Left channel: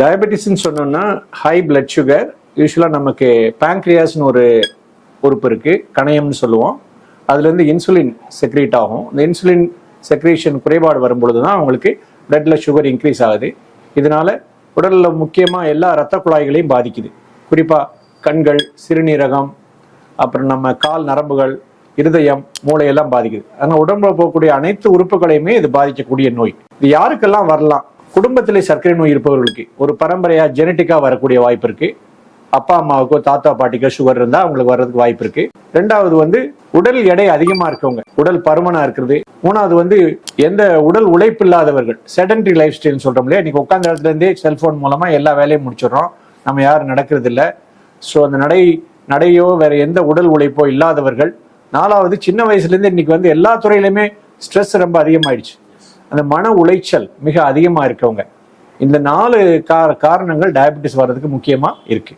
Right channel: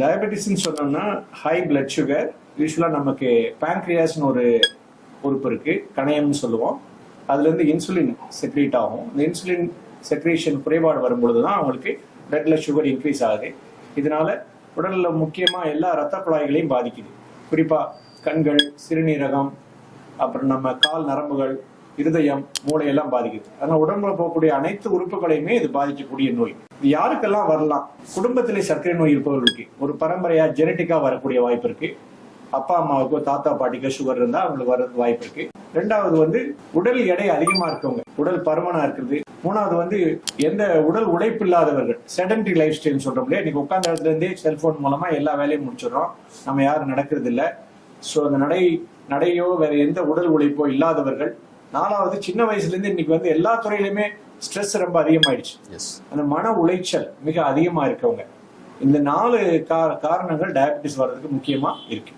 டயபெட்டிஸ்ன்னு சொன்னோம்னா high blood sugar, யூஸ்வலாக நமக்கு பேங்க்ரியாஸ்னு ஒரு உறுப்பு இருக்கு, கணையம்னு சொல்லுவோம். அதுல இருந்து இன்சுலின் செக்ரேட் ஆகும். இந்த இன்சுலின் செக்ரேஷன் குறைபாடு வரும்பொழுது தான் அவங்களுக்கு பிளட்ல சுகர் இன்க்ரீஸ் ஆகுது. இதனால உடல்ல முக்கியமா எல்லா ரத்த குழாய்களையும் பாதிக்குது. குறிப்பா கண்கள், சிறுநீரகம், அப்புறம் நம்ம கால் நரம்புகள், இருதயம், மூளையெல்லாம் பாதிக்குது. ஆனால் உடம்புல போகக்கூடிய அனைத்து உறுப்புகளையுமே இது பாதிக்கக்கூடிய நோய். இது யாருக்கெல்லாம் வரலாம்? குடும்பத்திலே சர்க்கரை நோய் இருப்பவர்களுக்கு ஒரு பரம்பரையா ஜெனட்டிக்கா வரக்கூடிய வாய்ப்பு இருக்கு. அப்பா அம்மாவுக்கோ தாத்தா பாட்டிக்கோ சுகர் இருந்தா அவங்களுக்கு வர்றதுக்கு வாய்ப்பு இருக்கு. ரெண்டாவது வந்து உடல் எடை அதிகமா இருக்கவங்க, உடல் பருமனா இருக்கிறது. மூணாவது வந்து எந்த உடல் உழைப்பு இல்லாதவர்கள், செடன்டரி லைஃப் ஸ்டைல் சொல்றோம் இல்லையா, இன்னைக்கு உட்கார்ந்த இடத்துல இருந்தே செல்போன் மூலமா எல்லா வேலையும் முடிச்சிடறோம், நம்ம யாரும் நடக்கிறது இல்லை. ஸோ அந்த நடையோ வேற எந்த உடல் உழைப்போ இல்லாதவர்கள். நாலாவது சின்ன வயசுல இருந்து இன்னைக்கு வந்து எல்லா துறையிலுமே ஸ்ட்ரெஸ் ரொம்ப அதிகமாயிடுச்சு, அந்த மன உளைச்சல் மிக அதிகமா இருக்கவங்க. இந்த 4 காரணங்கள் டயபெட்டிஸ் வர்றதுக்கு முக்கியமா இருக்கு.